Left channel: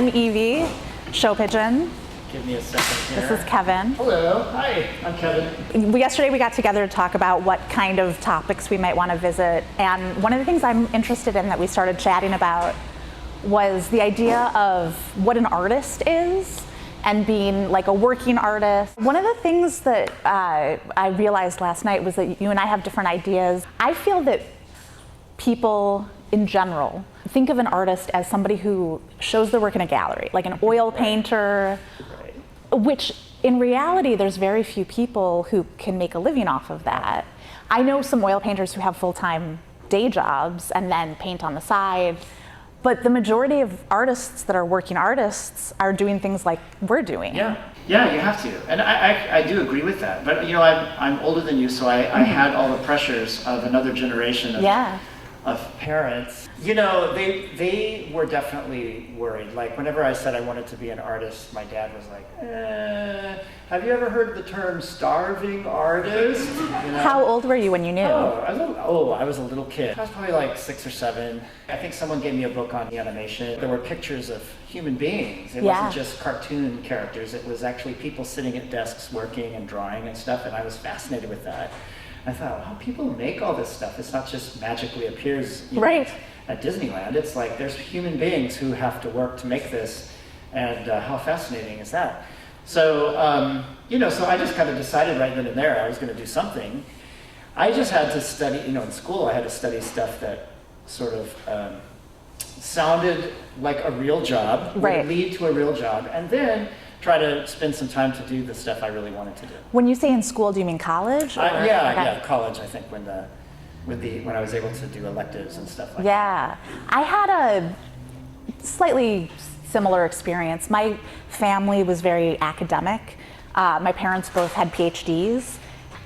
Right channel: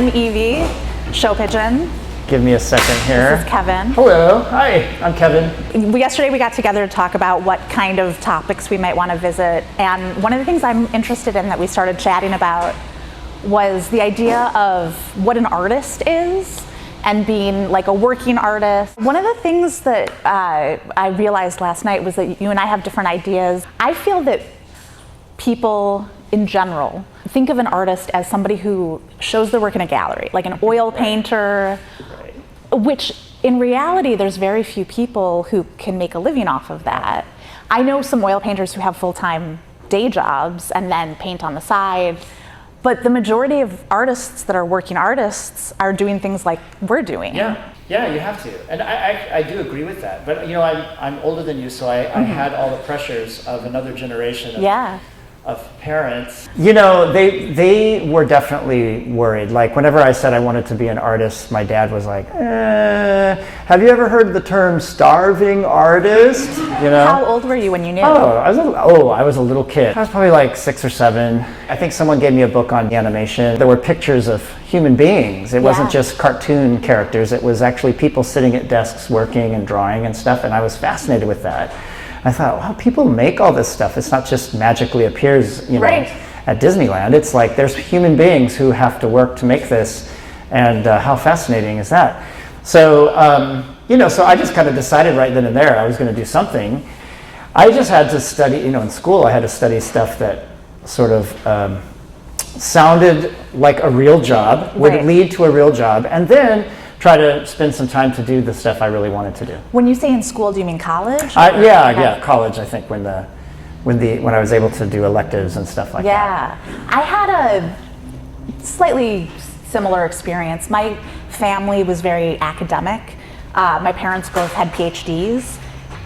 I'm Evie, show Pigeon. Give me a second here. This is Kevin. Hello, hi, I'm Kevin. Yesterday we got together to talk about what kind of topics we might want to visit, and one of the things I'm interested in that we started chatting about was the idea of what an artist is and being like a working artist. One of the things that I realized last night was that you and I have different ideas. I feel that people in general think of an artist as somebody who shows their work in a gallery, like an oil painter, which in reality there's very few people who can make a living off of that. I know some oil painters who have full-time day jobs and then paint on the side, but the majority of artists that are working artists are doing things like we're doing. Yeah, you have to. And I do agree with that. But you know, I'm older than you, so I had all the pressures of another generation of parents. You know, they were definitely worried. Like whenever I said I wanted to be an artist, my dad was like, have you ever heard the term starving artist? You know? How old were you when you knew? I was a little kid. I was probably like 6 or 7. I think someone gave me a book on animation. There were pictures of human beings. It wasn't just cartoon characters. It was actually people sitting at desks working and drawing and stuff, and I was fascinated with that. I thought, wow, people make all this stuff. It's not just magically appears, you know, at Disneyland. It's like there's human beings who have to work to make this, and how fascinating is that? So, you know, so I just kind of decided right then and there I was going to do something. I just had to study, you know, in school I had to study stuff that sort of sounded like a real job, would lead to a real job, and then try to spend some time to do the stuff I really wanted to do. When you say in school, do you mean college? Yeah, college. I think when I was able to do electives and stuff like that. Yeah, I had a slightly similar experience. My family was very academic. My parents both had PhDs.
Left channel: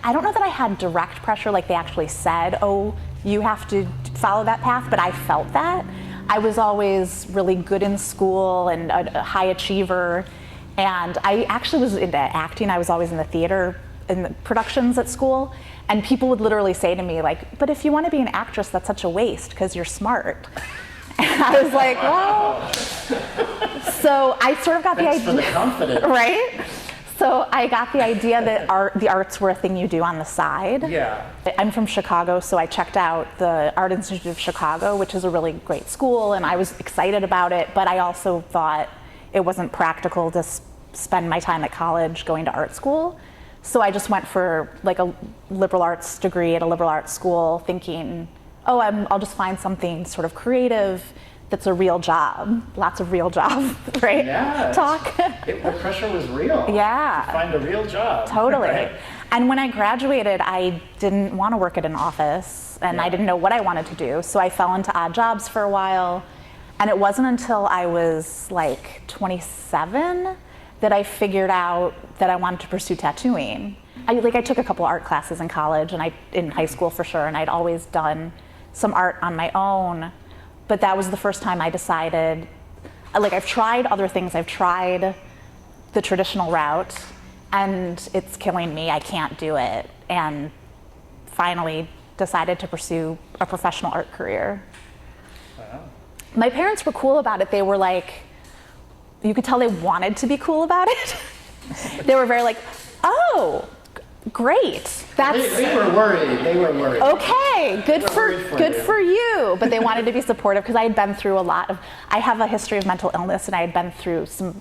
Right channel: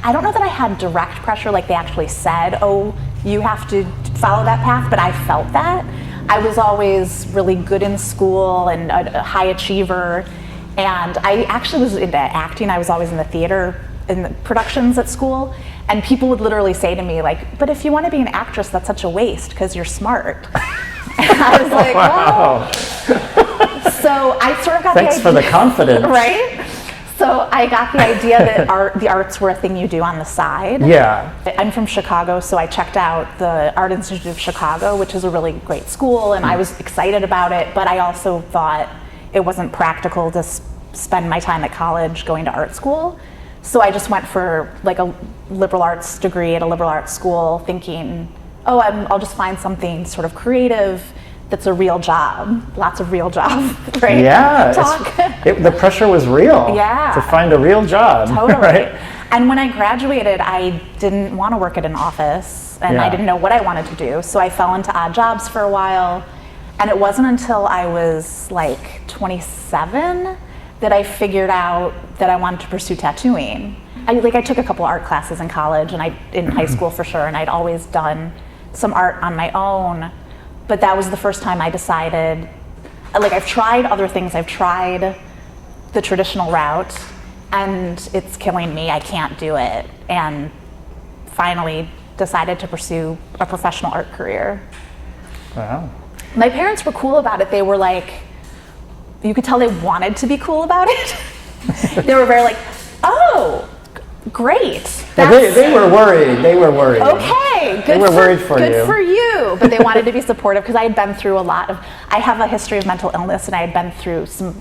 I don't know that I had direct pressure, like they actually said, "Oh, you have to follow that path," but I felt that. I was always really good in school and a high achiever. And I actually was into acting. I was always in the theater, in the productions at school. And people would literally say to me, like, but if you want to be an actress, that's such a waste because you're smart. And I was like, wow. So I sort of got the idea. Thanks for the confidence. Right? So I got the idea that the arts were a thing you do on the side. Yeah. I'm from Chicago, so I checked out the Art Institute of Chicago, which is a really great school, and I was excited about it, but I also thought it wasn't practical to spend my time at college going to art school. So I just went for like a liberal arts degree at a liberal arts school thinking, oh, I'll just find something sort of creative that's a real job. Lots of real job, right? Yeah. Talk. The pressure was real. Yeah. To find a real job. Totally. Right? And when I graduated, I didn't want to work at an office, and I didn't know what I wanted to do. So I fell into odd jobs for a while. And it wasn't until I was like 27 that I figured out that I wanted to pursue tattooing. I took a couple art classes in college and in high school for sure, and I'd always done some art on my own, but that was the first time I decided, like I've tried other things, I've tried the traditional route, and it's killing me, I can't do it, and finally decided to pursue a professional art career. Wow. My parents were cool about it. They were like, you could tell they wanted to be cool about it. They were very like, oh, great. They were worried. They were worried. Okay, good for you. But they wanted to be supportive because I had been through I have a history of mental illness, and I had been through some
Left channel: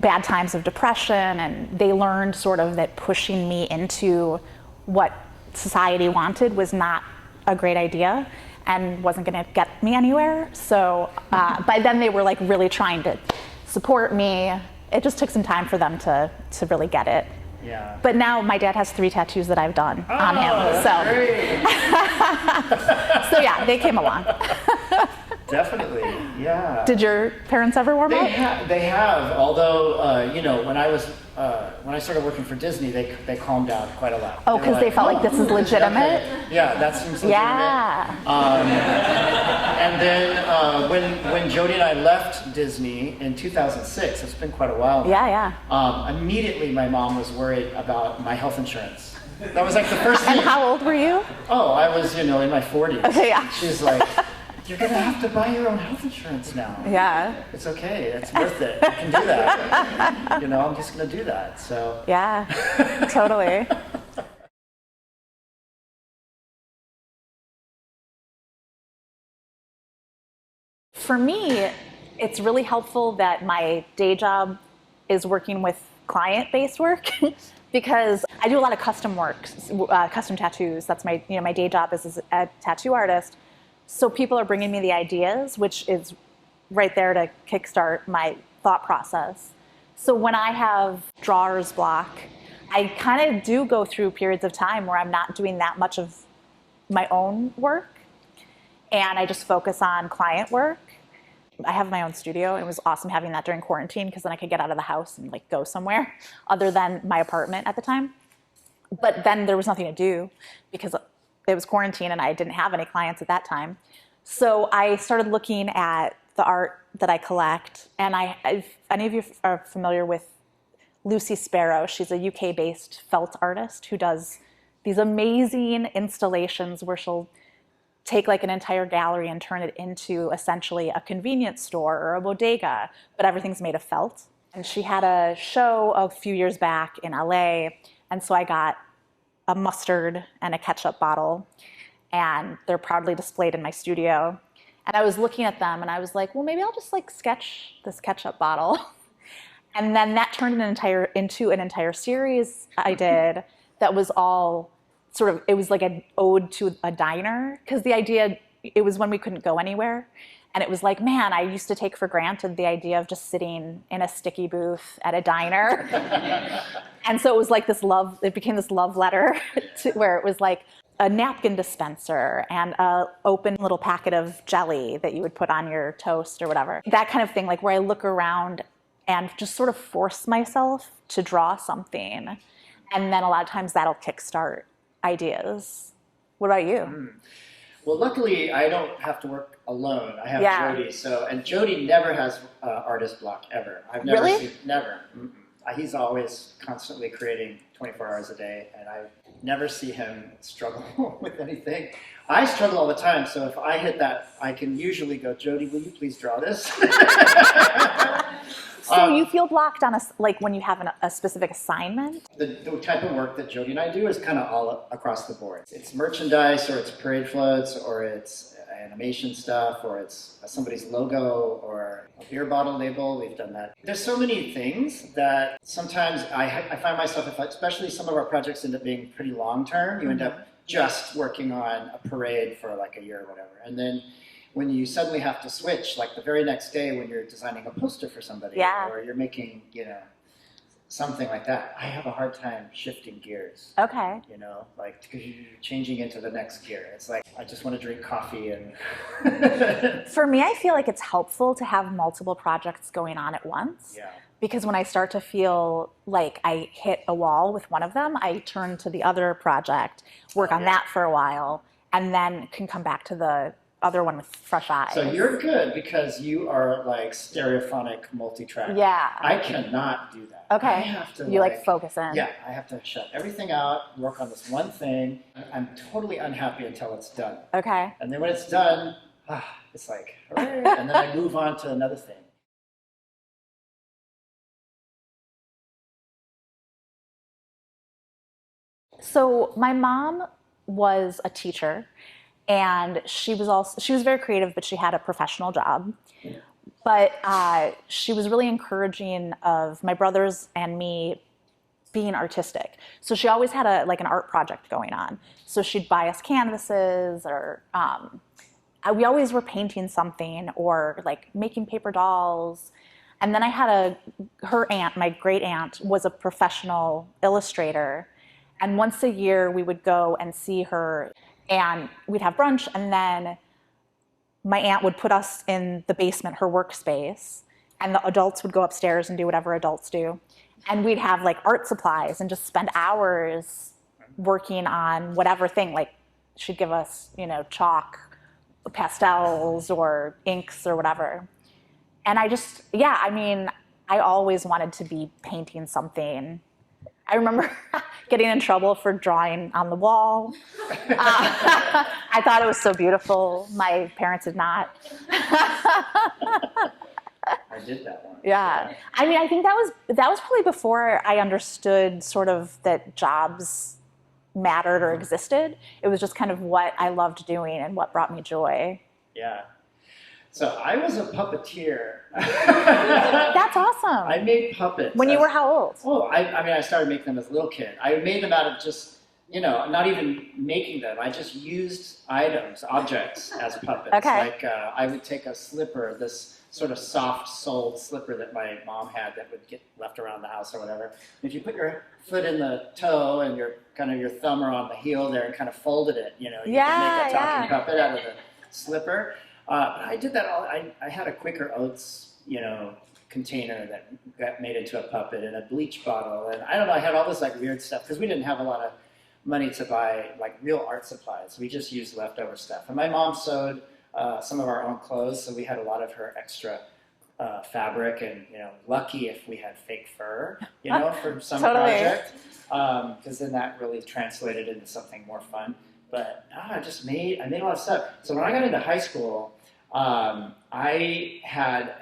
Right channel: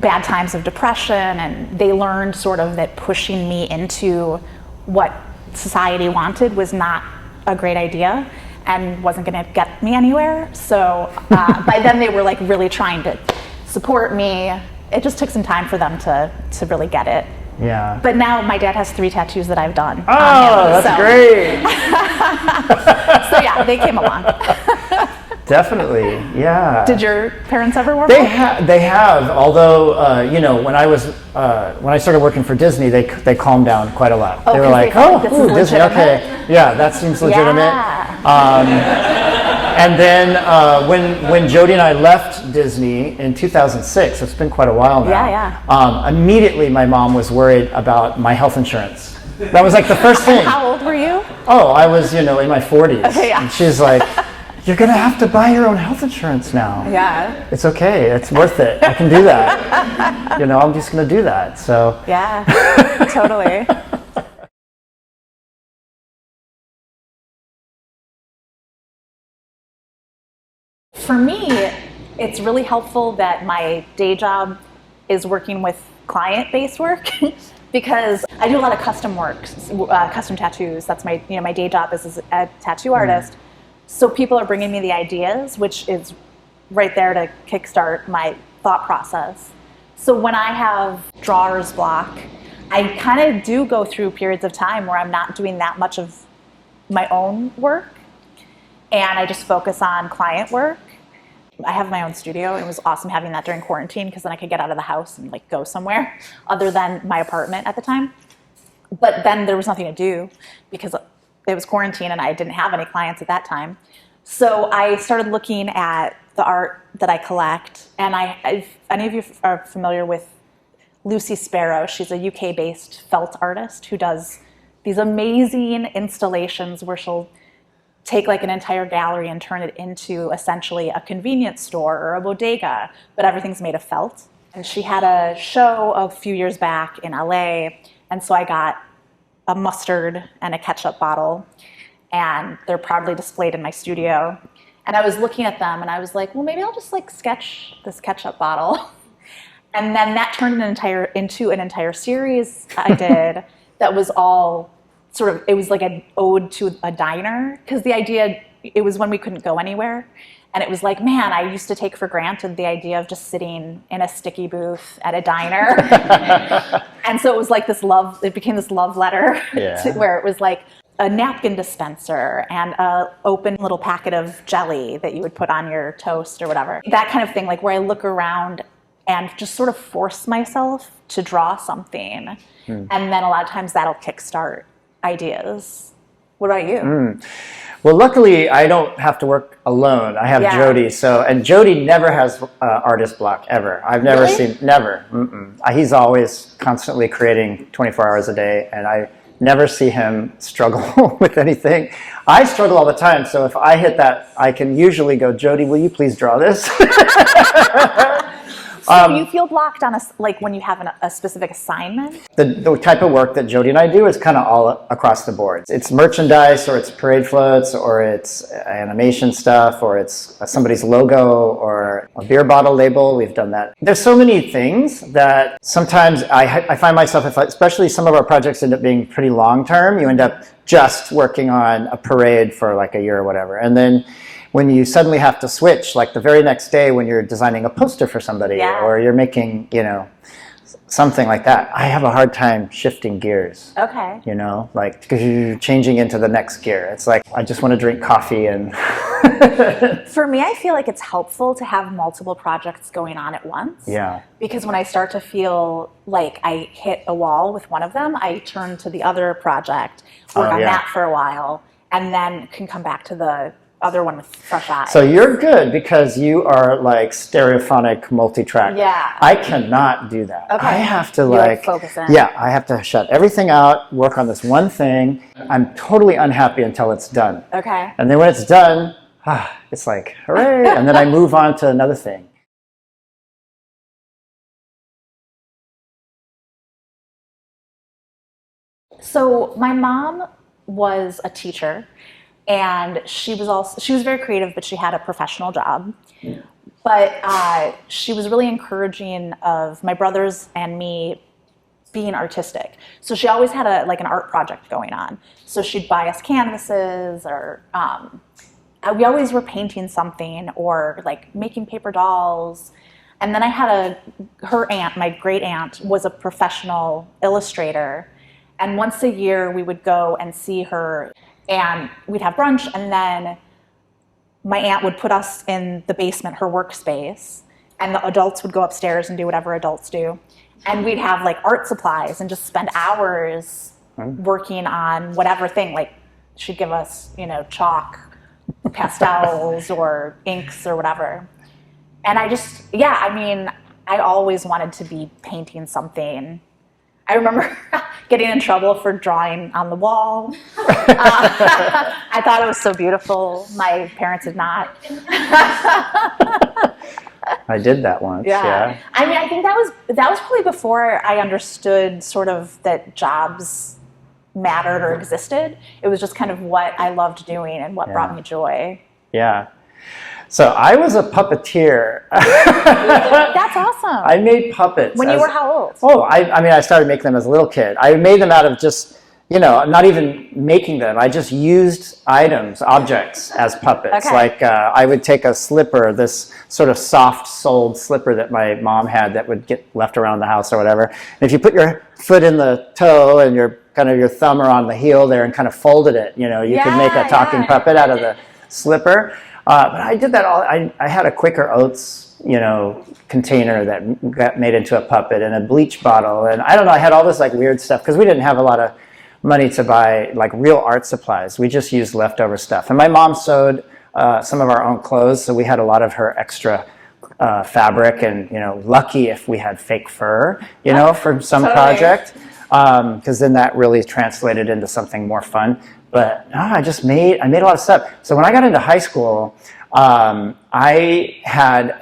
bad times of depression, and they learned sort of that pushing me into what society wanted was not a great idea and wasn't going to get me anywhere. So by then they were like really trying to support me. It just took some time for them to really get it. Yeah. But now my dad has 3 tattoos that I've done Oh, on him. that's great. So yeah, they came along. Definitely, yeah. Did your parents ever warm up? They have, although, you know, when I started working for Disney, they calmed down quite a lot. Oh, they were because they felt like this is Disney, legitimate? okay. Yeah, that seems legitimate. Yeah. And then when Jody and I left Disney in 2006, it's been quite a while now. Yeah. Immediately my mom was worried about my health insurance. That was like the first thing. And how old were you? Oh, I was, in my 40s. Okay, yeah. And she's like, You're going to have to buy your own health insurance now. Yeah. It's okay. It's worth it. I can do that. You know, I'm just going to do that. So. Yeah, totally. For me, it's really helpful that my day job is working with client-based work because I do a lot of custom work, custom tattoos. That's my, my day job is a tattoo artist. So people are bringing me the ideas, which is right there to kickstart my thought process. So when I have drawer's block, I kind of do go through periods of time where I'm not doing that much of my own work, and I just focus on client work. I have my own studio, and it was awesome having that during quarantine because then I could get out of the house and like go somewhere other than my apartment at the time. But then there was nothing to do because it was quarantine and I didn't have any clients at that time. So I started looking at the art that I collect, and if any of you are familiar with Lucy Sparrow, she's a UK-based felt artist who does these amazing installations where she'll take like an entire gallery and turn it into essentially a convenience store or a bodega, but everything's made of felt. And she had a show a few years back in LA, and so I got a mustard and a ketchup bottle, and they're proudly displayed in my studio. And I was looking at them and I was like, well, maybe I'll just like sketch this ketchup bottle. And then that turned into an entire series I did that was all sort of, it was like an ode to a diner, because the idea, it was when we couldn't go anywhere. And it was like, man, I used to take for granted the idea of just sitting in a sticky booth at a diner. And so it was like this love, it became this love letter where it was like a napkin dispenser and a open little packet of jelly that you would put on your toast or whatever. That kind of thing, like where I look around and just sort of force myself to draw something. And then a lot of times that'll kickstart ideas. What about you? Well, luckily, I don't have to work alone. I have Jody. And Jody never has artist block, ever. I've never seen, never. He's always constantly creating 24 hours a day, and I never see him struggle with anything. I struggle all the time, so if I hit that, I can usually go, Jody, will you please draw this? So you feel blocked on like when you have a specific assignment? The type of work that Jody and I do is kind of all across the board. It's merchandise, or it's parade floats, or it's animation stuff, or it's somebody's logo, or a beer bottle label. We've done that. There's so many things that sometimes I find myself, especially some of our projects end up being pretty long term, you end up just working on a parade for like a year or whatever. And then when you suddenly have to switch, like the very next day when you're designing a poster for somebody, or you're making, something like that, I have a hard time shifting gears. Okay. Like, because you're changing into the next gear. It's like, I just want to drink coffee and... For me, I feel like it's helpful to have multiple projects going on at once. Yeah. Because when I start to feel like I hit a wall with one of them, I turn to the other project, work on that for a while, and then can come back to the other one with fresh eyes. So you're good because you are like stereophonic multi-track. Yeah. I cannot do that. Okay. I have to like focus in. Yeah, I have to shut everything out, work on this one thing. I'm totally unhappy until it's done. Okay. And then when it's done, it's like, hooray, and then I move on to another thing. So my mom was a teacher, and she was very creative, but she had a professional job. Yeah. But she was really encouraging of my brothers and me being artistic. So she always had an art project going on. So she'd buy us canvases, or we always were painting something, or like making paper dolls. And then I had her aunt, my great aunt, was a professional illustrator. And once a year we would go and see her, and we'd have brunch, and then my aunt would put us in the basement, her workspace, and the adults would go upstairs and do whatever adults do. And we'd have like art supplies and just spend hours working on whatever thing. Like she'd give us, chalk, pastels, or inks or whatever. And I always wanted to be painting something I remember getting in trouble for drawing on the wall. I thought it was so beautiful. My parents did not. I did that once. Yeah. I mean, I think that was probably before I understood sort of that jobs mattered or existed. It was just kind of what I loved doing and what brought me joy. Yeah. So I was a puppeteer. That's awesome. I made puppets. When you were how old? Oh, I mean, I started making them as a little kid. I made them out of just, not even making them. I just used items, objects as puppets. Okay. Like I would take a slipper, this sort of soft-soled slipper that my mom had that would get left around the house or whatever. And if you put your foot in the toe and your thumb around the heel there and kind of folded it, you could make a talking puppet out of the slipper. But I did that all. I had a Quaker Oats, container that got made into a puppet, and a bleach bottle, and I don't know. I had all this like weird stuff because we didn't have a lot of money to buy like real art supplies. We just used leftover stuff. And my mom sewed some of our own clothes, so we had a lot of her extra fabric, and lucky if we had fake fur, for some project, because then that really translated into something more fun. But I made a lot of stuff. So when I got into high school, I had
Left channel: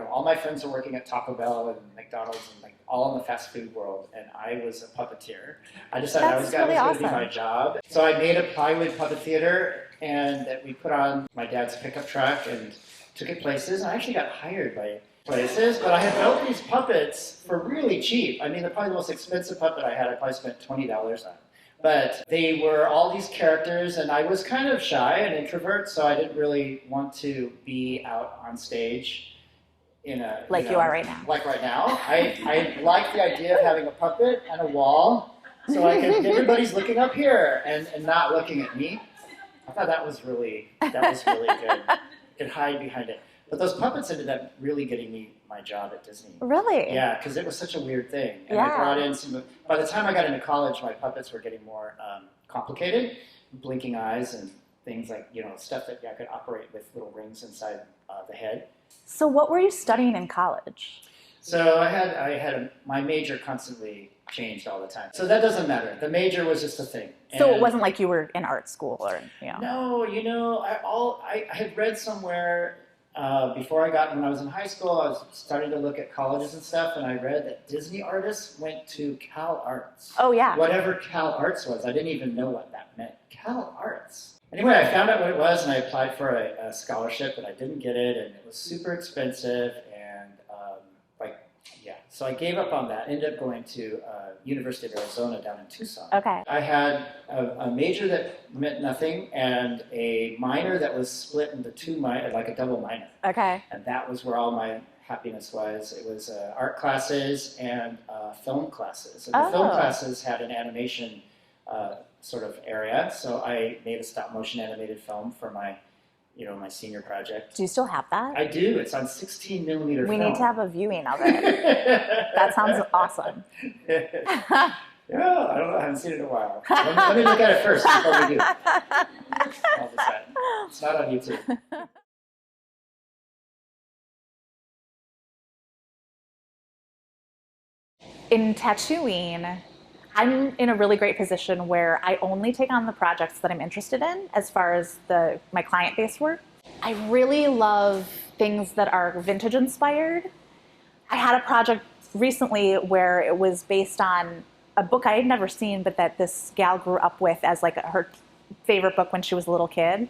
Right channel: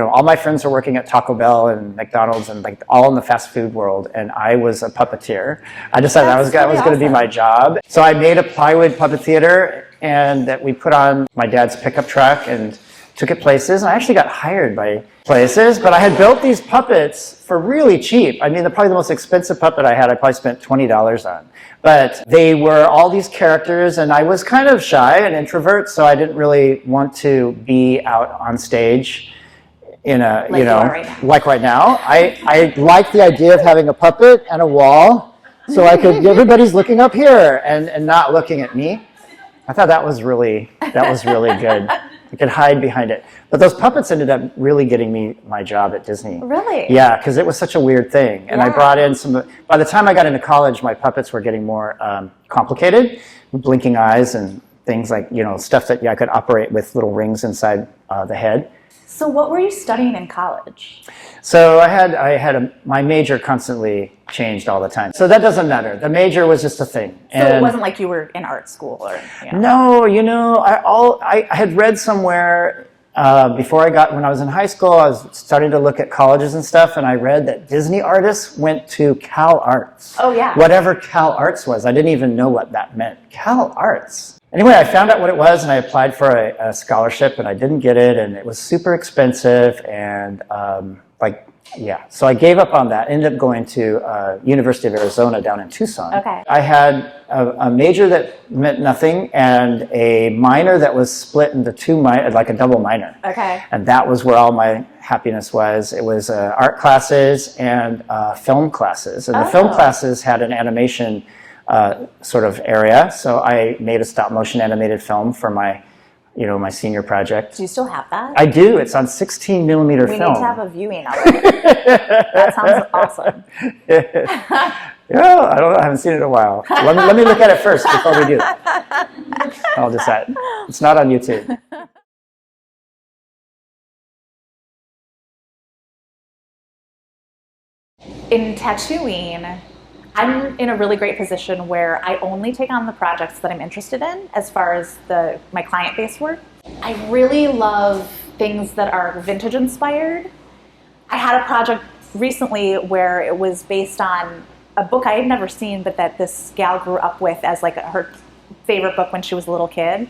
all my friends were working at Taco Bell and McDonald's and like all in the fast food world, and I was a puppeteer. I decided that was going to be my job. So I made a plywood puppet theater, and that we put on my dad's pickup truck and took it places. And I actually got hired by places, but I had built these puppets for really cheap. I mean, probably the most expensive puppet I had, I probably spent $20 on. But they were all these characters, and I was kind of shy and introvert, so I didn't really want to be out on stage in a, like you are right now. Like right now. I liked the idea of having a puppet and a wall, so I could, everybody's looking up here and not looking at me. I thought that was really good. I could hide behind it. But those puppets ended up really getting me my job at Disney. Really? Yeah, because it was such a weird thing. And I brought in by the time I got into college, my puppets were getting more complicated, blinking eyes and things like, stuff that I could operate with little rings inside the head. So what were you studying in college? So my major constantly changed all the time. So that doesn't matter. The major was just a thing. So it wasn't like you were in art school or No, I had read somewhere when I was in high school, I was starting to look at colleges and stuff, and I read that Disney artists went to Cal Arts. Oh, yeah. Whatever Cal Arts was. I didn't even know what that meant. Cal Arts. Anyway, I found out what it was, and I applied for a scholarship, and I didn't get it, and it was super expensive, and so I gave up on that. Ended up going to University of Arizona down in Tucson. Okay. I had a major that meant nothing and a minor that was split into two like a double minor. Okay. And that was where all my happiness was. It was art classes and film classes. And the film classes had an animation sort of area. So I made a stop motion animated film for my senior project. Do you still have that? I do. It's on 16 millimeter film. We need to have a viewing of it. That sounds awesome. Yeah, I don't know. I haven't seen it in a while. Let me look at it first before we do. I'll decide. It's not on YouTube. In tattooing, I'm in a really great position where I only take on the projects that I'm interested in as far as my client-based work. I really love things that are vintage inspired. I had a project recently where it was based on a book I had never seen, but that this gal grew up with as like her favorite book when she was a little kid.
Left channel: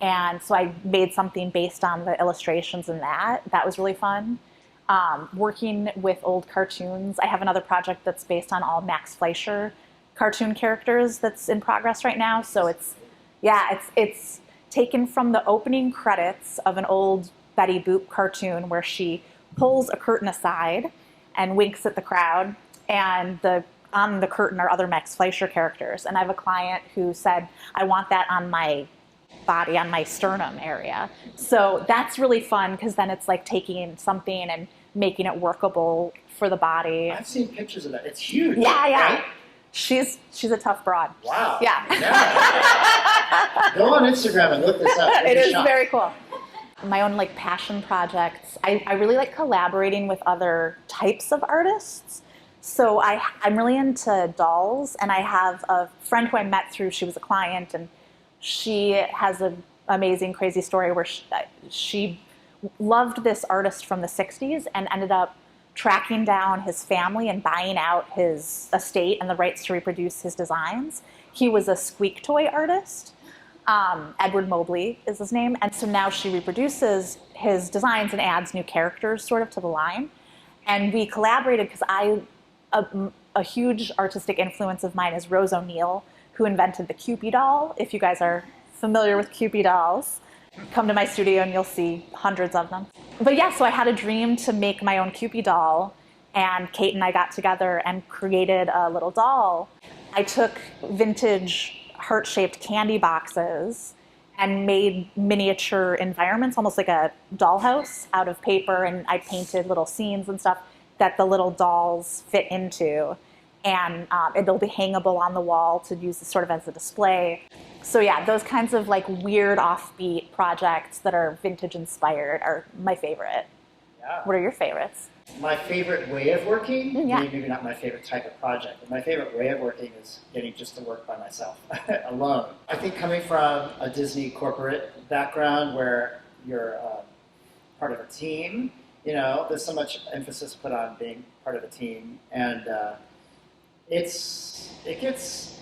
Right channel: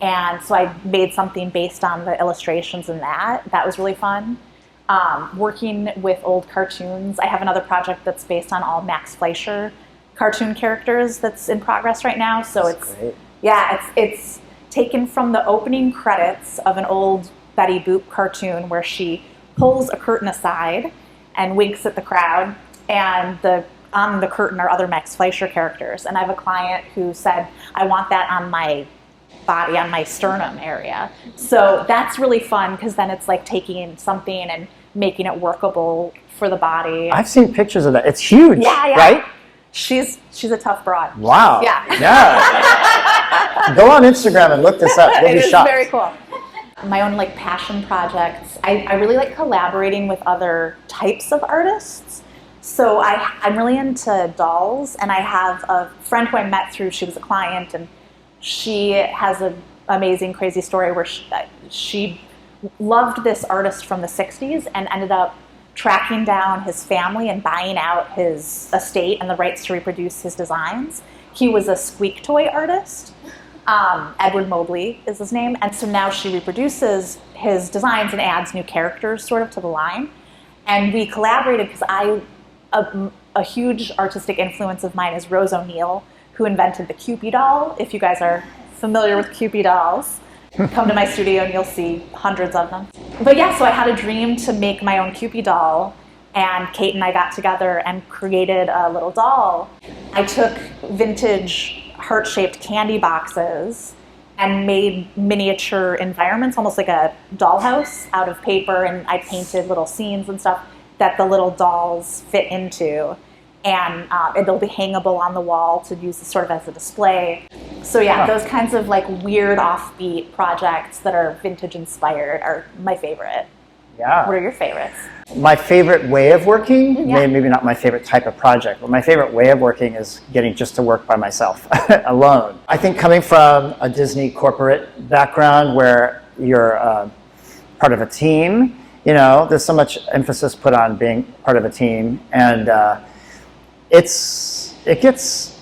And so I made something based on the illustrations in that. That was really fun. Working with old cartoons. I have another project that's based on all Max Fleischer cartoon characters that's in progress right now. So it's taken from the opening credits of an old Betty Boop cartoon where she pulls a curtain aside and winks at the crowd, and on the curtain are other Max Fleischer characters. And I have a client who said, I want that on my body, on my sternum area. So that's really fun because then it's like taking something and making it workable for the body. I've seen pictures of that. It's huge. Yeah. Right? She's a tough broad. Wow. Yeah. Go on Instagram and look this up. It is very cool. My own like passion projects. I really like collaborating with other types of artists. So I'm really into dolls, and I have a friend who I met through, she was a client, and she has an amazing, crazy story where she loved this artist from the 60s and ended up tracking down his family and buying out his estate and the rights to reproduce his designs. He was a squeak toy artist. Edward Mobley is his name. And so now she reproduces his designs and adds new characters sort of to the line. And we collaborated because a huge artistic influence of mine is Rose O'Neill, who invented the Kewpie doll. If you guys are familiar with Kewpie dolls, come to my studio and you'll see hundreds of them. But yeah, so I had a dream to make my own Kewpie doll, and Kate and I got together and created a little doll. I took vintage heart-shaped candy boxes and made miniature environments, almost like a dollhouse, out of paper, and I painted little scenes and stuff that the little dolls fit into, and it'll be hangable on the wall to use sort of as a display. So yeah, those kinds of like weird offbeat projects that are vintage inspired are my favorite. Yeah. What are your favorites? My favorite way of working, maybe not my favorite type of project, but my favorite way of working is getting just to work by myself, alone. I think coming from a Disney corporate background where you're part of a team, you know, there's so much emphasis put on being part of a team, and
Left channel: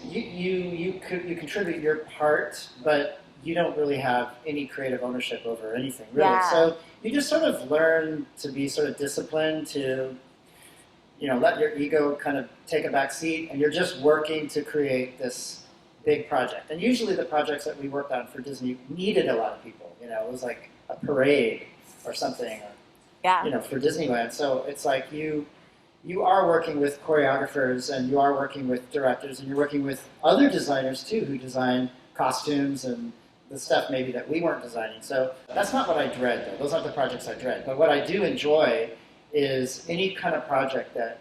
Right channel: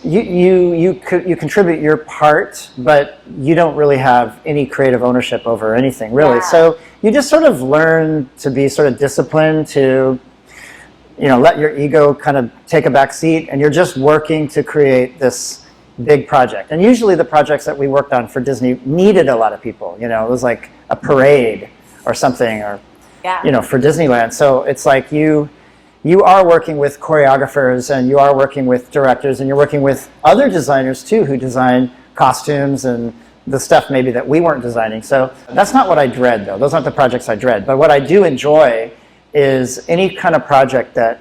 you contribute your part, but you don't really have any creative ownership over anything, really. Yeah. So you just sort of learn to be sort of disciplined, to, you know, let your ego kind of take a back seat, and you're just working to create this big project. And usually the projects that we worked on for Disney needed a lot of people. You know, it was like a parade or something, or you know, for Disneyland. So it's like you are working with choreographers, and you are working with directors, and you're working with other designers too, who design costumes and the stuff maybe that we weren't designing. So that's not what I dread, though. Those aren't the projects I dread. But what I do enjoy is any kind of project that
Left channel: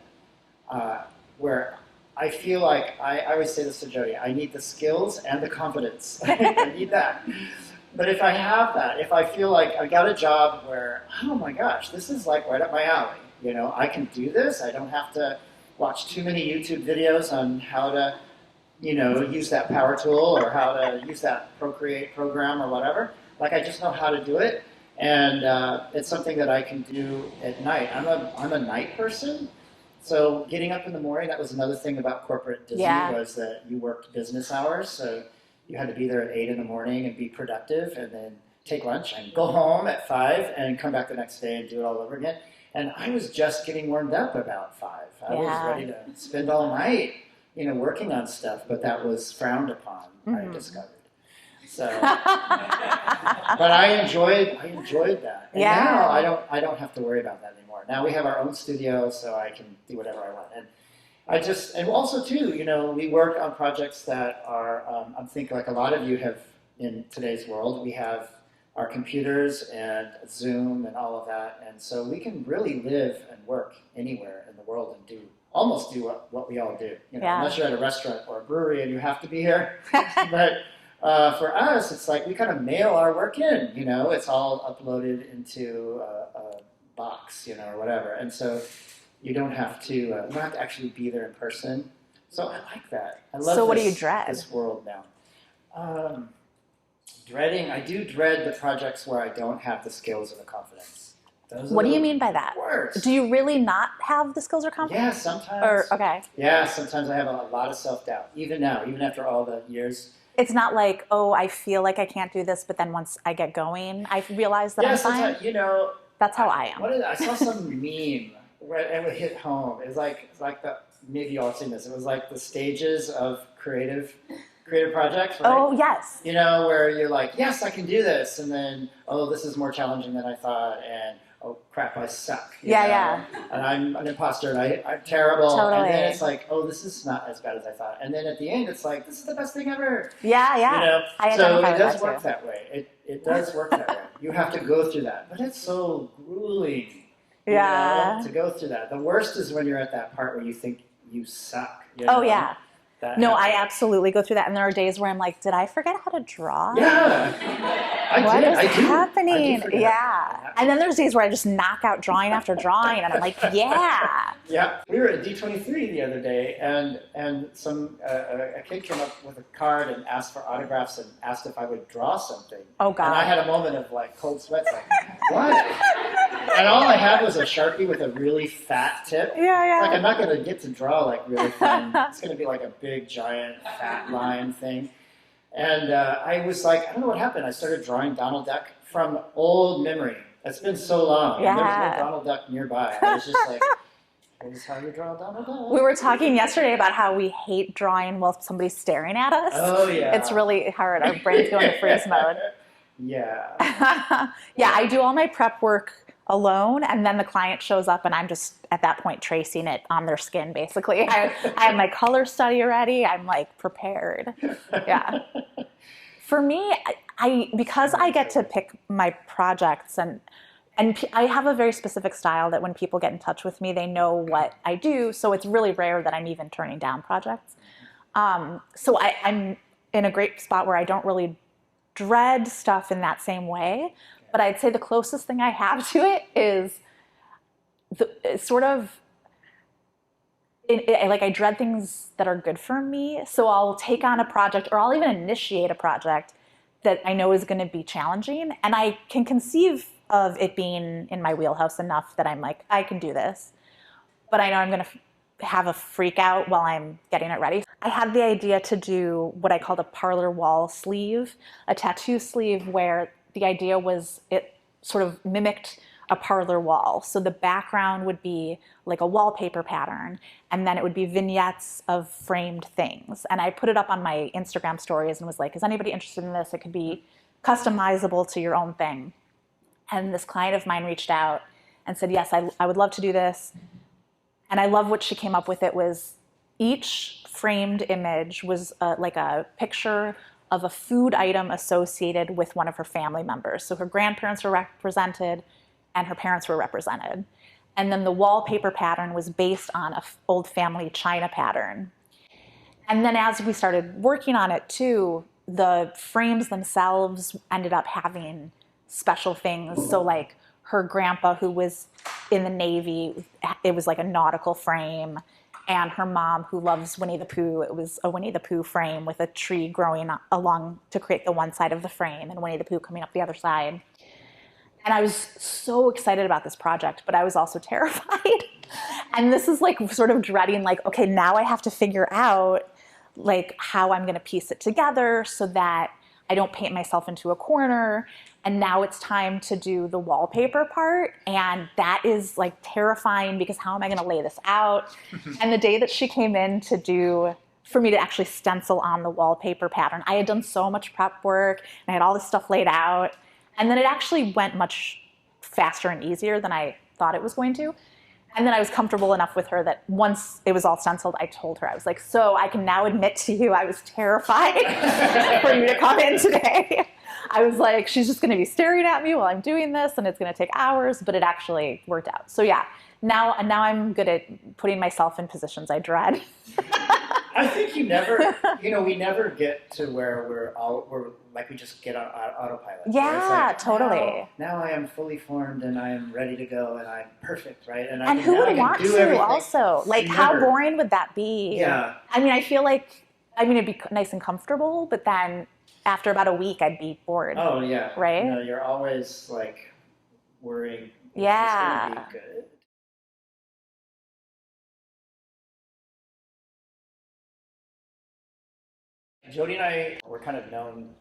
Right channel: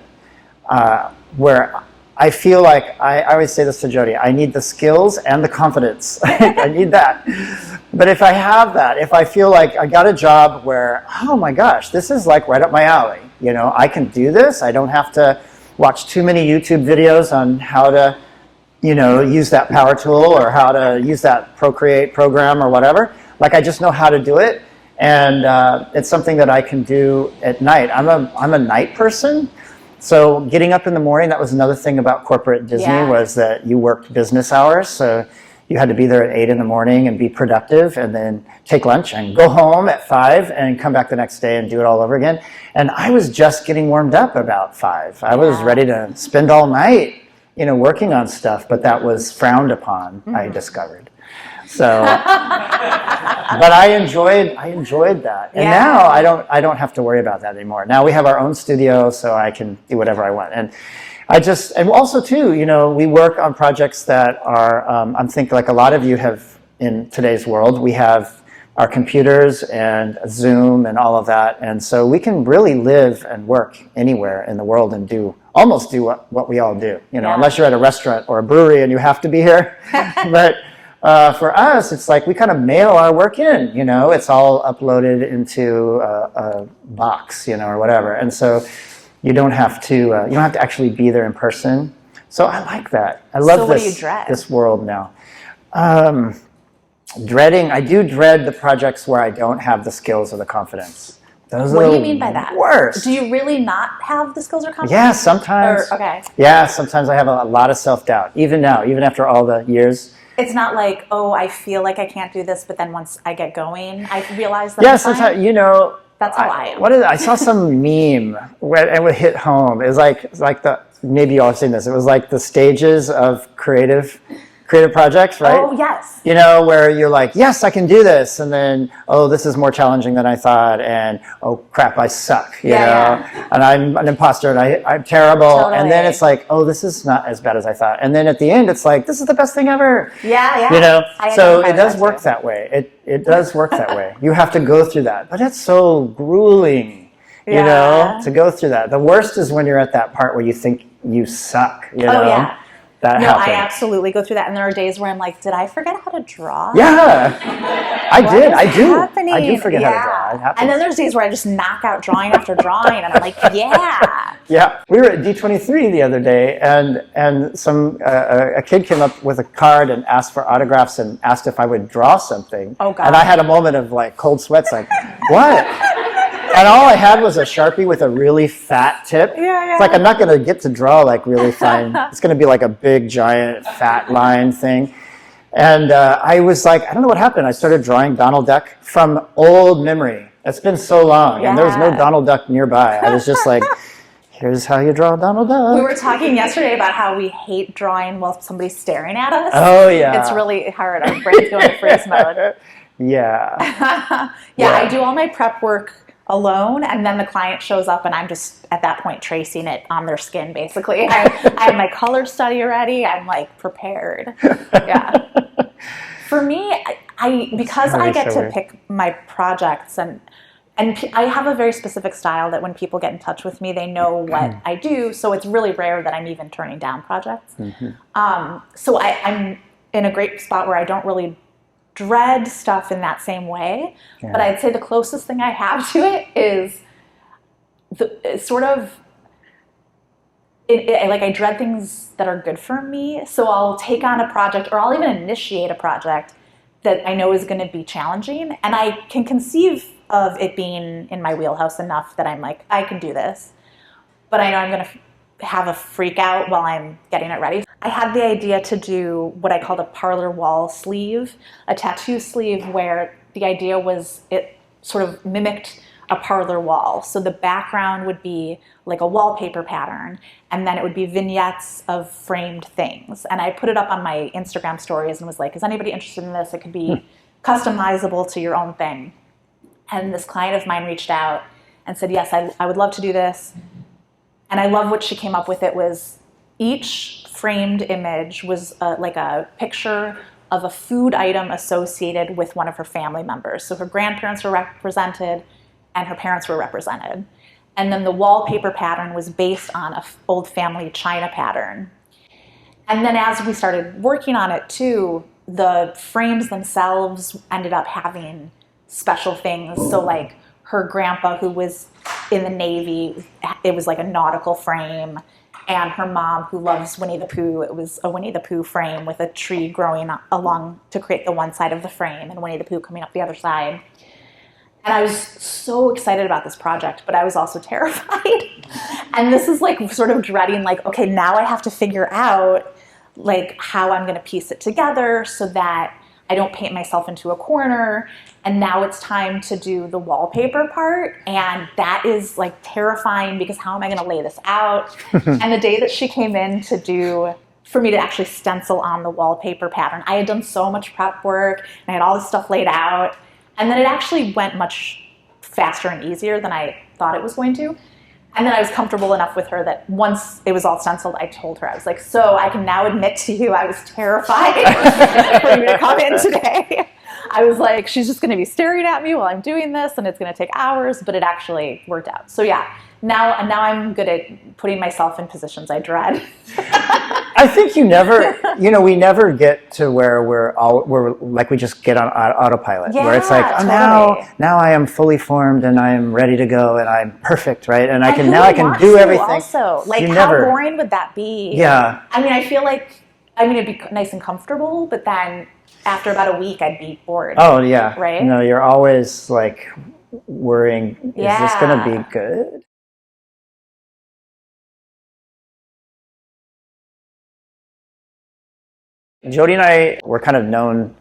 where I feel like, I always say this to Jody, I need the skills and the confidence. I need that. But if I have that, if I feel like I got a job where, oh my gosh, this is like right up my alley, you know, I can do this. I don't have to watch too many YouTube videos on how to, you know, use that power tool or how to use that Procreate program or whatever. Like, I just know how to do it, and it's something that I can do at night. I'm a night person, so getting up in the morning, that was another thing about corporate Disney, was that you worked business hours, so you had to be there at 8 in the morning and be productive, and then take lunch and go home at 5 and come back the next day and do it all over again. And I was just getting warmed up about 5. I was ready to spend all night, you know, working on stuff, but that was frowned upon, I discovered. So, but I enjoyed that. And now I don't have to worry about that anymore. Now we have our own studio, so I can do whatever I want. And also too, you know, we work on projects that are, I'm thinking like a lot of you have in today's world, we have our computers and Zoom and all of that. And so we can really live and work anywhere in the world and almost do what we all do, you know, unless you're at a restaurant or a brewery and you have to be here. But for us, it's like we kind of mail our work in, you know, it's all uploaded into a box, you know, or whatever. And so you don't have to actually be there in person. So I like that. I love what do you dread? This world now. I do dread the projects where I don't have the skills or the confidence. What do you mean by that? Worst. Do you really not have the skills or confidence? Yeah, sometimes. Yeah, sometimes I have a lot of self-doubt, even now, even after all the years. It's not like, oh, I feel like I can't do this, but then once I get going, I realize that sometimes, you know. That's how I am. I saw some meme where it would hit home. It was like maybe you all have seen this. It was like the stages of creative projects, right? Oh, yes. You know, where you're like, yes, I can do this. And then, oh, this is more challenging than I thought. And, oh, crap, I suck. You know? And I'm an imposter and I'm terrible. Totally. And then it's like, oh, this is not as bad as I thought. And then at the end, it's like, this is the best thing ever. Yeah. You know, so it does work that way. It does work that way. You have to go through that. But it's so grueling, you know, to go through that. The worst is when you're at that part where you think you suck, you know? Oh, yeah. that No, happened. I absolutely go through that. And there are days where I'm like, did I forget how to draw? Yeah, I What did. is I do. happening? I do forget how to draw. It happens. And then there's days where I just knock out drawing after drawing, and I'm like, yeah. Yeah, we were at D23 the other day, and some a kid came up with a card and asked for autographs and asked if I would draw something. Oh, God. And I had a moment of like cold sweats, like, what? And all I had was a Sharpie with a really fat tip. Yeah. It's like I'm not going to get to draw like really fine. It's going to be like a big, giant, fat line thing. And I was like, I don't know what happened. I started drawing Donald Duck from old memory. It's been so long, and there was no Donald Duck nearby. I was just like, here's how you draw Donald Duck. We were talking yesterday about how we hate drawing while somebody's staring at us. Oh, yeah. It's really hard. Our brains go into freeze mode. Yeah. Yeah, I do all my prep work alone, and then the client shows up and I'm just at that point tracing it on their skin basically. I have my color study already. I'm like prepared. Yeah. For me, because I get to pick my projects and I have a very specific style that when people get in touch with me, they know what I do. So it's really rare that I'm even turning down projects. So I'm in a great spot where I don't really dread stuff in that same way. Yeah. But I'd say the closest thing I have to it is like I dread things that are good for me. So I'll take on a project or I'll even initiate a project that I know is going to be challenging. And I can conceive of it being in my wheelhouse enough that I'm like, I can do this. But I know I'm going to have a freak out while I'm getting it ready. I had the idea to do what I called a parlor wall sleeve, a tattoo sleeve where the idea was it sort of mimicked a parlor wall. So the background would be like a wallpaper pattern, and then it would be vignettes of framed things. And I put it up on my Instagram stories and was like, is anybody interested in this? It could be customizable to your own thing. And this client of mine reached out and said, yes, I would love to do this. And I love what she came up with. It was each framed image was like a picture of a food item associated with one of her family members. So her grandparents were represented and her parents were represented. And then the wallpaper pattern was based on an old family china pattern. And then as we started working on it too, the frames themselves ended up having special things. So like her grandpa, who was in the Navy, it was like a nautical frame. And her mom, who loves Winnie the Pooh, it was a Winnie the Pooh frame with a tree growing along to create the one side of the frame and Winnie the Pooh coming up the other side. And I was so excited about this project, but I was also terrified. And this is like sort of dreading, like, okay, now I have to figure out like how I'm going to piece it together so that I don't paint myself into a corner. And now it's time to do the wallpaper part. And that is like terrifying because how am I going to lay this out? And the day that she came in for me to actually stencil on the wallpaper pattern, I had done so much prep work and I had all this stuff laid out. And then it actually went much faster and easier than I thought it was going to. And then I was comfortable enough with her that once it was all stenciled, I told her, I was like, so I can now admit to you I was terrified for you to come in today. I was like, she's just going to be staring at me while I'm doing this and it's going to take hours, but it actually worked out. So yeah, now I'm good at putting myself in positions I dread. I think we never get to where we're like we just get on autopilot. Yeah, where it's like, oh, totally. now I am fully formed and I am ready to go and I'm perfect, right? And I can do to everything. Also, like how boring would that be? Yeah. I mean, I feel like it'd be nice and comfortable, but then after about a week, I'd be bored. Oh yeah. Right. No, you're always like worrying. Is this going to be good? Jody and I were kind of known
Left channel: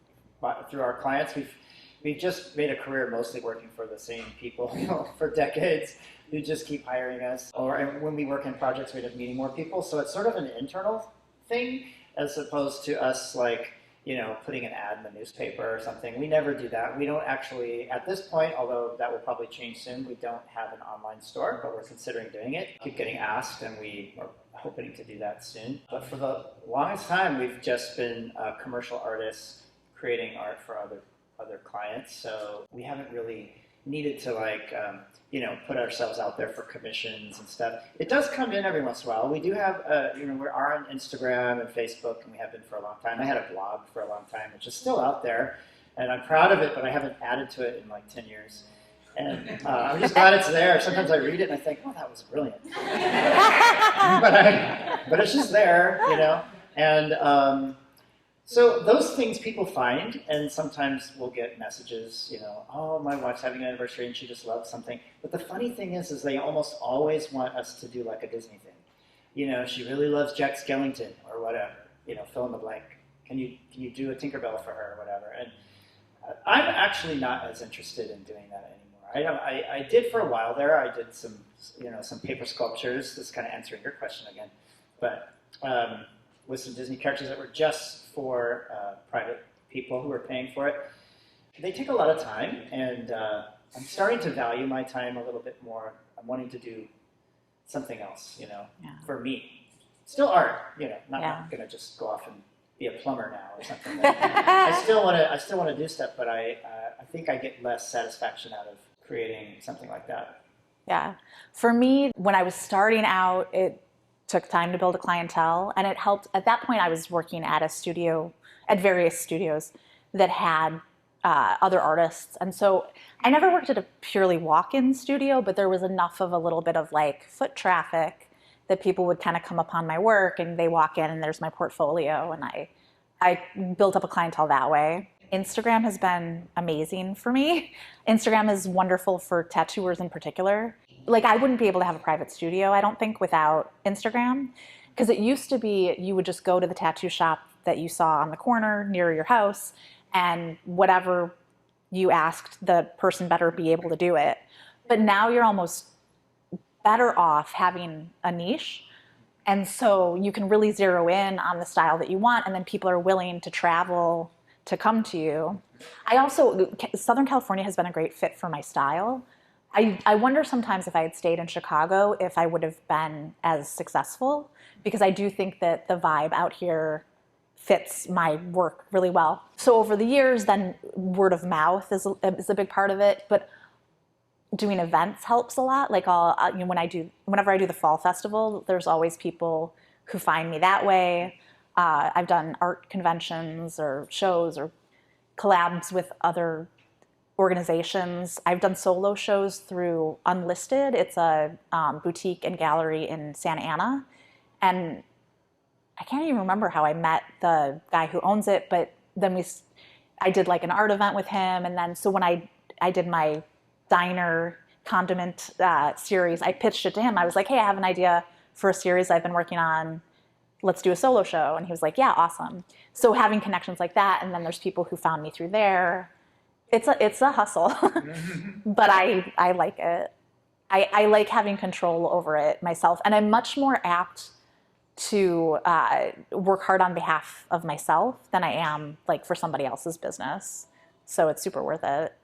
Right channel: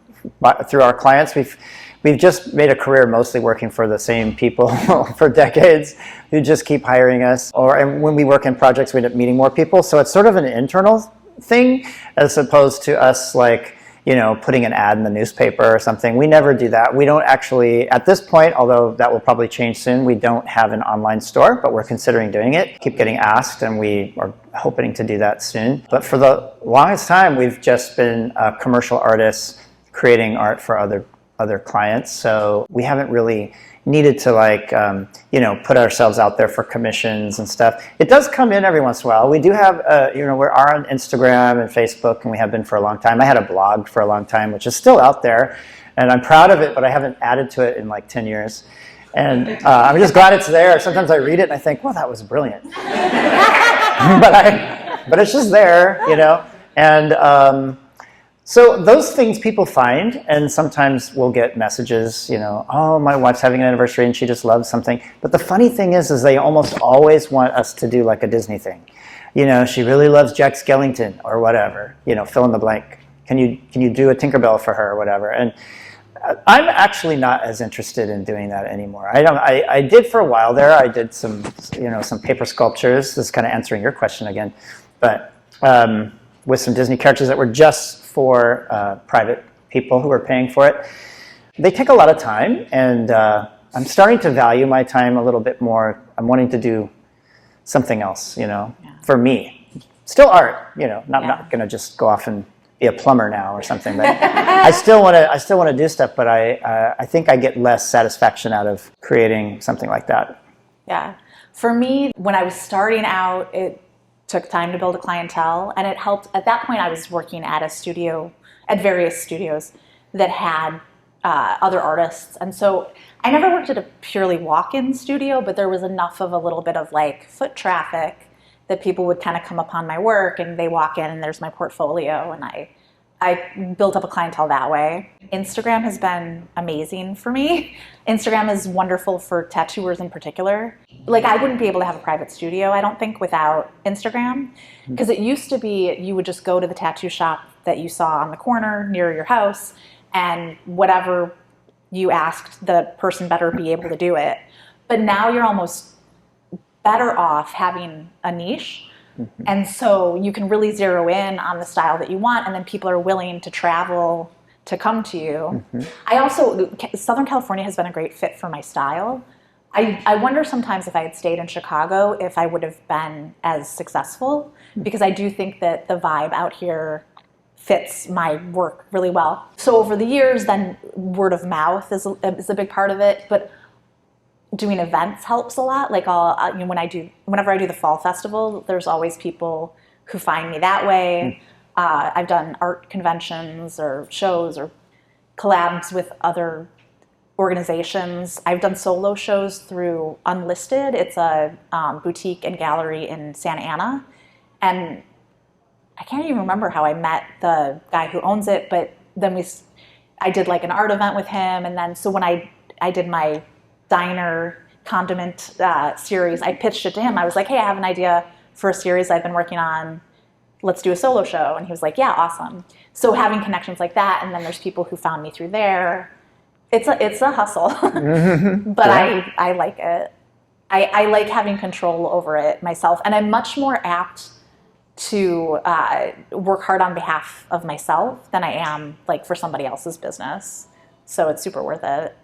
through our clients. We've just made a career mostly working for the same people for decades who just keep hiring us. And when we work in projects, we end up meeting more people. So it's sort of an internal thing as opposed to us like, putting an ad in the newspaper or something. We never do that. We don't actually, at this point, although that will probably change soon, we don't have an online store, but we're considering doing it. Keep getting asked, and we are hoping to do that soon. But for the longest time, we've just been commercial artists creating art for other clients. So we haven't really needed to like, put ourselves out there for commissions and stuff. It does come in every once in a while. We do have, we are on Instagram and Facebook, and we have been for a long time. I had a blog for a long time, which is still out there, and I'm proud of it, but I haven't added to it in like 10 years. And I'm just glad it's there. Sometimes I read it and I think, well, that was brilliant. but it's just there, And so those things people find, and sometimes we'll get messages, oh, my wife's having an anniversary and she just loves something. But the funny thing is they almost always want us to do like a Disney thing. She really loves Jack Skellington or whatever, fill in the blank. Can you do a Tinkerbell for her or whatever? And I'm actually not as interested in doing that anymore. I did for a while there. I did some paper sculptures. This is kind of answering your question again, but with some Disney characters that were just for private people who were paying for it. They take a lot of time, and I'm starting to value my time a little bit more. I'm wanting to do something else, for me. Still art, I'm not going to just go off and be a plumber now or something. But I still want to do stuff, but I think I get less satisfaction out of creating something like that. Yeah. For me, when I was starting out, it took time to build a clientele, and it helped. At that point, I was working at various studios that had other artists, and so I never worked at a purely walk-in studio, but there was enough of a little bit of like foot traffic that people would kind of come upon my work, and they walk in, and there's my portfolio, and I built up a clientele that way. Instagram has been amazing for me. Instagram is wonderful for tattooers in particular. Like, I wouldn't be able to have a private studio, I don't think, without Instagram. Because it used to be you would just go to the tattoo shop that you saw on the corner near your house, and whatever you asked, the person better be able to do it. But now you're almost better off having a niche. And so you can really zero in on the style that you want, and then people are willing to travel to come to you. Southern California has been a great fit for my style. I wonder sometimes if I had stayed in Chicago, if I would have been as successful, because I do think that the vibe out here fits my work really well. So over the years, then word of mouth is a big part of it, but doing events helps a lot. Like whenever I do the fall festival, there's always people who find me that way. I've done art conventions or shows or collabs with other organizations. I've done solo shows through Unlisted. It's a boutique and gallery in Santa Ana. And I can't even remember how I met the guy who owns it, but then I did like an art event with him. And then, so when I did my diner condiment series, I pitched it to him. I was like, hey, I have an idea for a series I've been working on. Let's do a solo show. And he was like, yeah, awesome. So having connections like that, and then there's people who found me through there. It's a hustle, but yeah. I like it. I like having control over it myself, and I'm much more apt to work hard on behalf of myself than I am like for somebody else's business. So it's super worth it.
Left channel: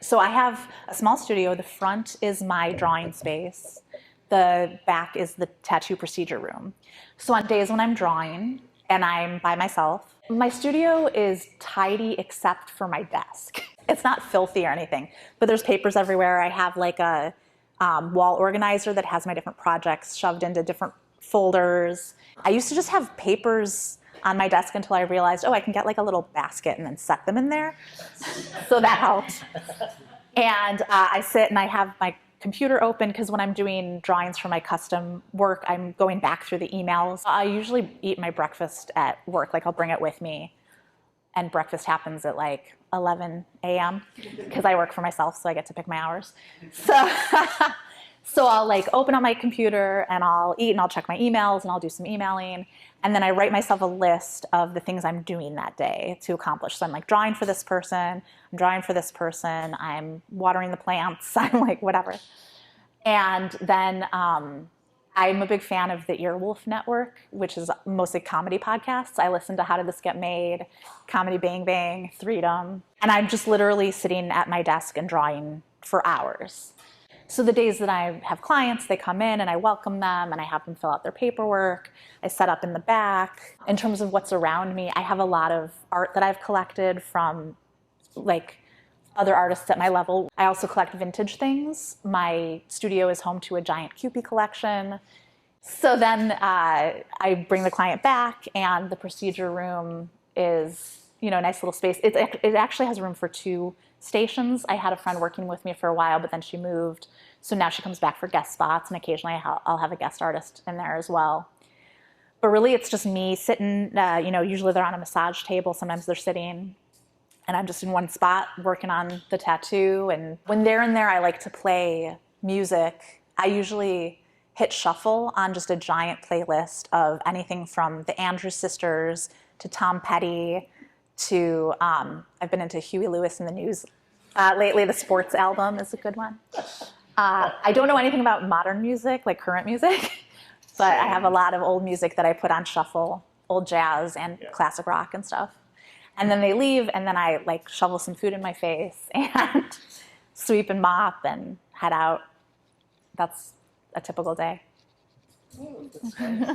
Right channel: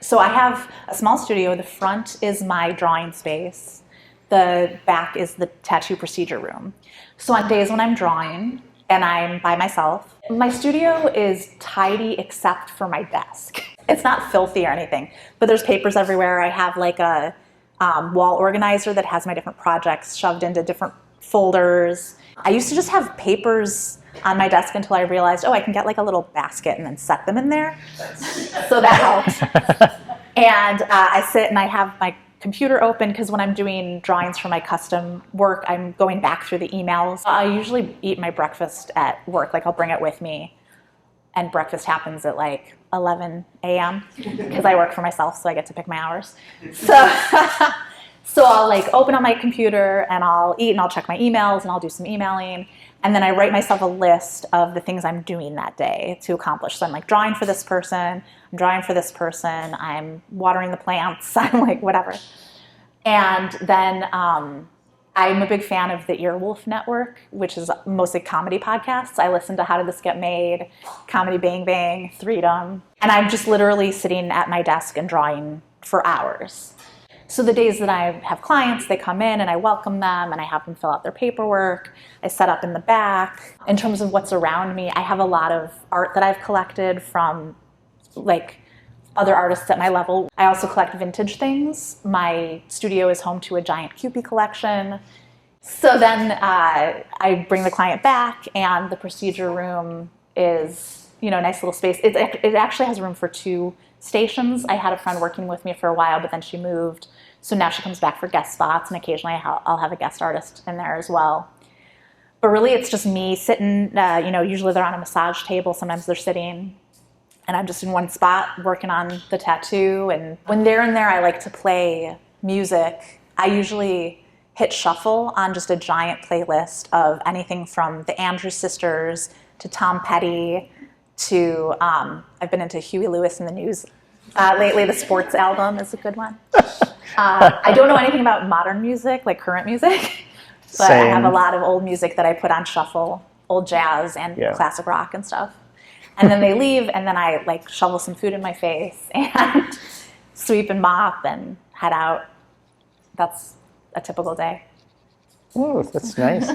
So I have a small studio. The front is my drawing space. The back is the tattoo procedure room. So on days when I'm drawing and I'm by myself, my studio is tidy except for my desk. It's not filthy or anything, but there's papers everywhere. I have like a wall organizer that has my different projects shoved into different folders. I used to just have papers on my desk until I realized, I can get like a little basket and then set them in there. So that helped. And I sit and I have my computer open because when I'm doing drawings for my custom work, I'm going back through the emails. I usually eat my breakfast at work. Like I'll bring it with me. And breakfast happens at like 11 a.m. because I work for myself, so I get to pick my hours. So I'll like open up my computer and I'll eat and I'll check my emails and I'll do some emailing. And then I write myself a list of the things I'm doing that day to accomplish. So I'm like drawing for this person, I'm drawing for this person, I'm watering the plants, I'm like whatever. And then I'm a big fan of the Earwolf Network, which is mostly comedy podcasts. I listen to How Did This Get Made, Comedy Bang Bang, Freedom. And I'm just literally sitting at my desk and drawing for hours. So the days that I have clients, they come in and I welcome them and I have them fill out their paperwork. I set up in the back. In terms of what's around me, I have a lot of art that I've collected from like other artists at my level. I also collect vintage things. My studio is home to a giant Kewpie collection. So then I bring the client back, and the procedure room is, a nice little space. It actually has room for 2 stations. I had a friend working with me for a while, but then she moved. So now she comes back for guest spots, and occasionally I'll have a guest artist in there as well. But really, it's just me sitting, usually they're on a massage table. Sometimes they're sitting, and I'm just in one spot working on the tattoo. And when they're in there, I like to play music. I usually hit shuffle on just a giant playlist of anything from the Andrews Sisters to Tom Petty to, I've been into Huey Lewis and the News lately. The Sports album is a good one. I don't know anything about modern music, like current music, but I have a lot of old music that I put on shuffle, old jazz and classic rock and stuff. And then they leave, and then I like shovel some food in my face and sweep and mop and head out. That's a typical day. Oh, that's nice.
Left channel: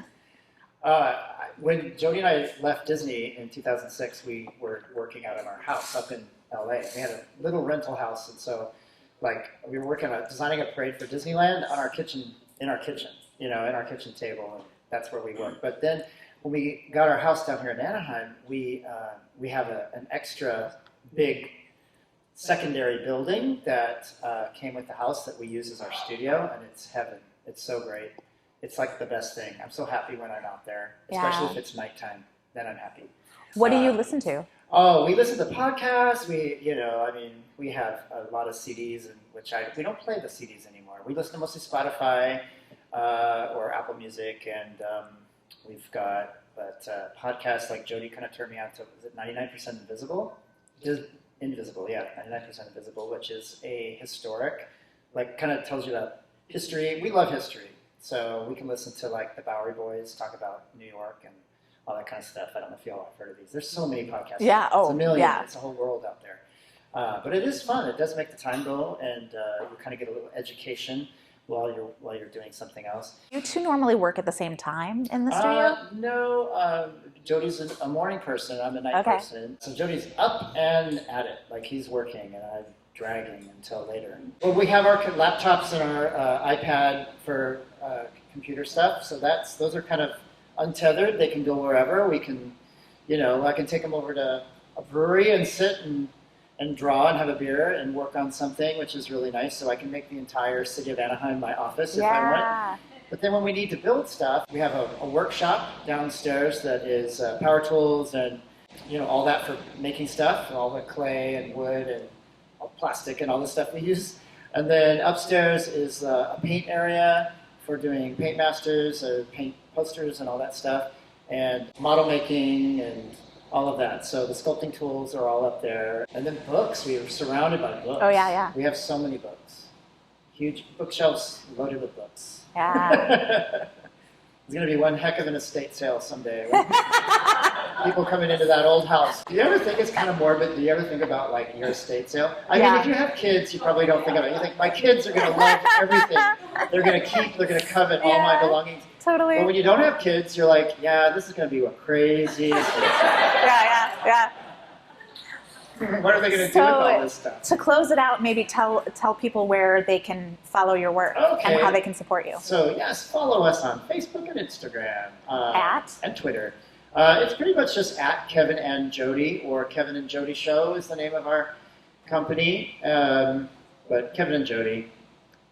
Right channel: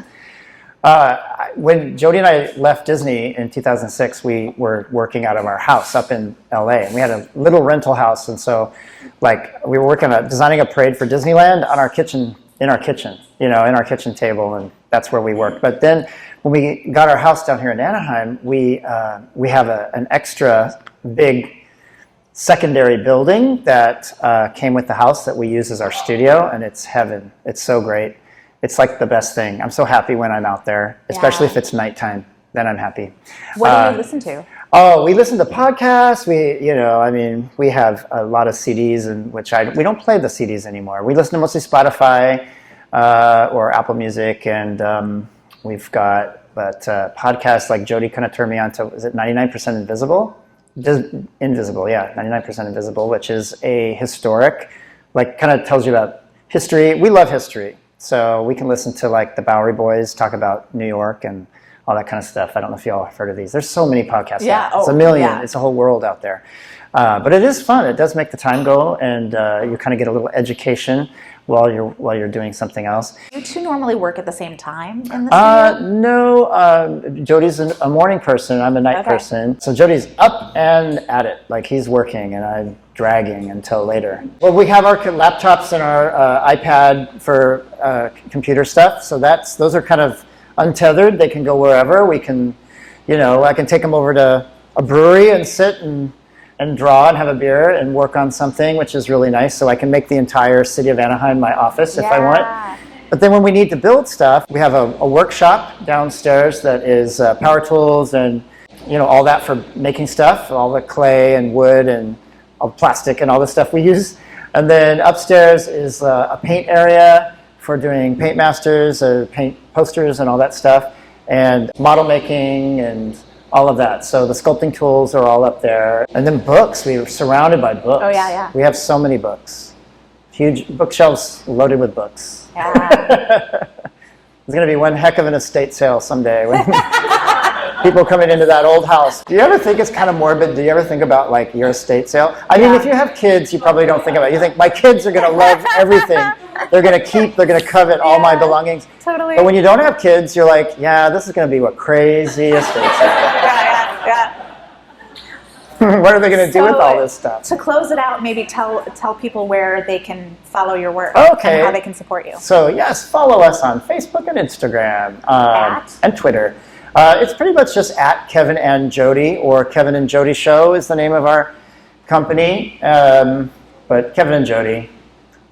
When Jody and I left Disney in 2006, we were working out of our house up in LA, and we had a little rental house, and so we were working on designing a parade for Disneyland on our kitchen, in our kitchen table, and that's where we worked. But then when we got our house down here in Anaheim, we have an extra big secondary building that came with the house that we use as our studio, and it's heaven. It's so great. It's like the best thing. I'm so happy when I'm out there, especially if it's nighttime. Then I'm happy. What do you listen to? Oh, we listen to podcasts. We have a lot of CDs, and we don't play the CDs anymore. We listen to mostly Spotify or Apple Music, and we've got podcasts like Jody kind of turned me on to. Is it 99% Invisible? Invisible, yeah, 99% Invisible, which is a historic, kind of tells you about history. We love history. So we can listen to the Bowery Boys talk about New York and all that kind of stuff. I don't know if y'all have heard of these. There's so many podcasts. Yeah, it's a million. Yeah. It's a whole world out there. But it is fun. It does make the time go, and you kind of get a little education while you're doing something else. You two normally work at the same time in the studio? No. Jody's a morning person. I'm a night person. So Jody's up and at it. He's working, and I'm dragging until later. Well, we have our laptops and our iPad for computer stuff. So those are kind of untethered. They can go wherever. We can, I can take them over to a brewery and sit and draw and have a beer and work on something, which is really nice. So I can make the entire city of Anaheim my office if I want. But then when we need to build stuff, we have a workshop downstairs that is power tools and all that for making stuff, all the clay and wood and all plastic and all the stuff we use. And then upstairs is a paint area for doing paint masters, paint posters and all that stuff, and model making and all of that. So the sculpting tools are all up there. And then books. We were surrounded by books. Oh, yeah. We have so many books. Huge bookshelves loaded with books. Yeah. There's going to be one heck of an estate sale someday when people coming into that old house. Do you ever think it's kind of morbid? Do you ever think about your estate sale? I mean, if you have kids, you probably don't think about it. You think, my kids are going to love everything. They're going to covet all my belongings. Totally. But when you don't have kids, you're like, yeah, this is going to be a crazy estate sale. Yeah. What are they going to do with all this stuff? To close it out, maybe tell people where they can follow your work and how they can support you. So yes, follow us on Facebook and Instagram and Twitter. It's pretty much just at Kevin and Jody, or Kevin and Jody Show is the name of our company. But Kevin and Jody,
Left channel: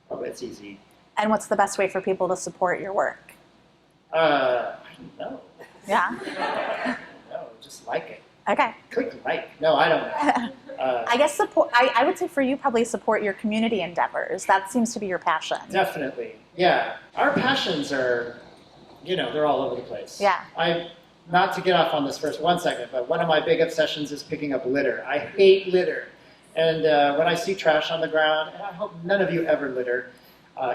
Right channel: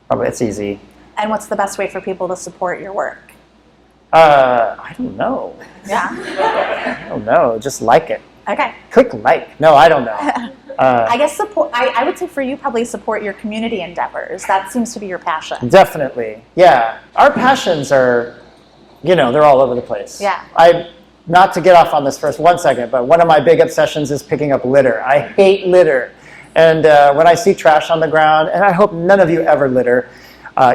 probably it's easy. And what's the best way for people to support your work? I don't know. Yeah. I don't know. Just like it. Okay. Click like. No, I don't know. I guess support. I would say for you, probably support your community endeavors. That seems to be your passion. Definitely. Yeah. Our passions are, they're all over the place. Yeah. Not to get off on this for 1 second, but one of my big obsessions is picking up litter. I hate litter. And when I see trash on the ground, and I hope none of you ever litter,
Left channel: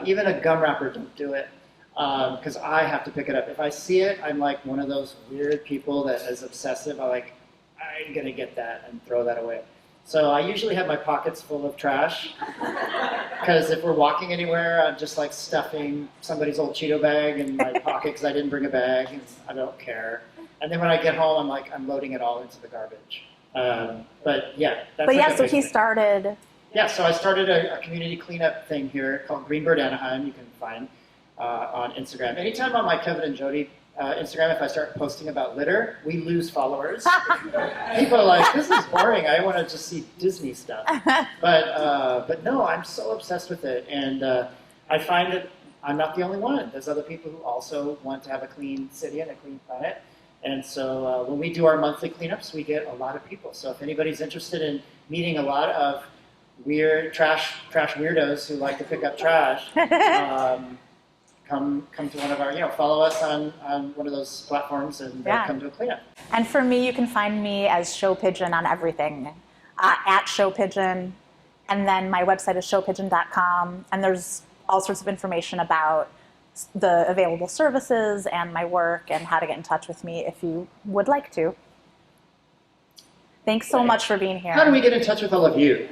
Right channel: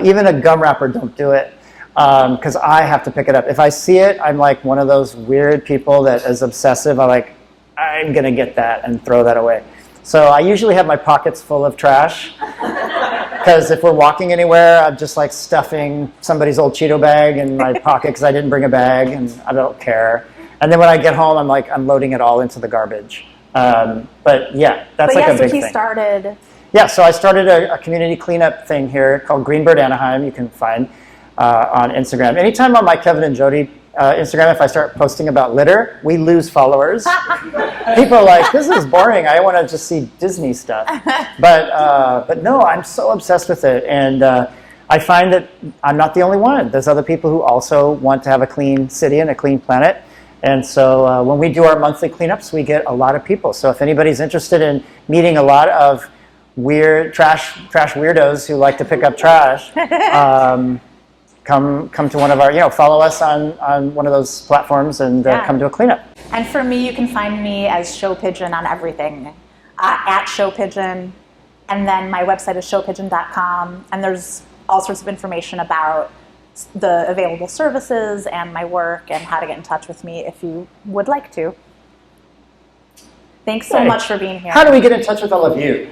even a gum wrapper, don't do it. Because I have to pick it up. If I see it, I'm like one of those weird people that is obsessive. I'm going to get that and throw that away. So I usually have my pockets full of trash. Because if we're walking anywhere, I'm just like stuffing somebody's old Cheeto bag in my pocket because I didn't bring a bag, and I don't care. And then when I get home, I'm like, I'm loading it all into the garbage. But yeah, that's like a big thing. So he started... Yeah, so I started a community cleanup thing here called Greenbird Anaheim. You can find on Instagram. Anytime on my Kevin and Jody Instagram, if I start posting about litter, we lose followers. People are like, this is boring. I want to just see Disney stuff. But no, I'm so obsessed with it. And I find that I'm not the only one. There's other people who also want to have a clean city and a clean planet. And so when we do our monthly cleanups, we get a lot of people. So if anybody's interested in meeting a lot of weird trash weirdos who like to pick up trash, come to one of our, follow us on one of those platforms and come to a cleanup. And for me, you can find me as Show Pigeon on everything, at Show Pigeon. And then my website is showpigeon.com. And there's all sorts of information about the available services and my work and how to get in touch with me if you would like to. Thanks so much for being here. How do we get in touch with all of you?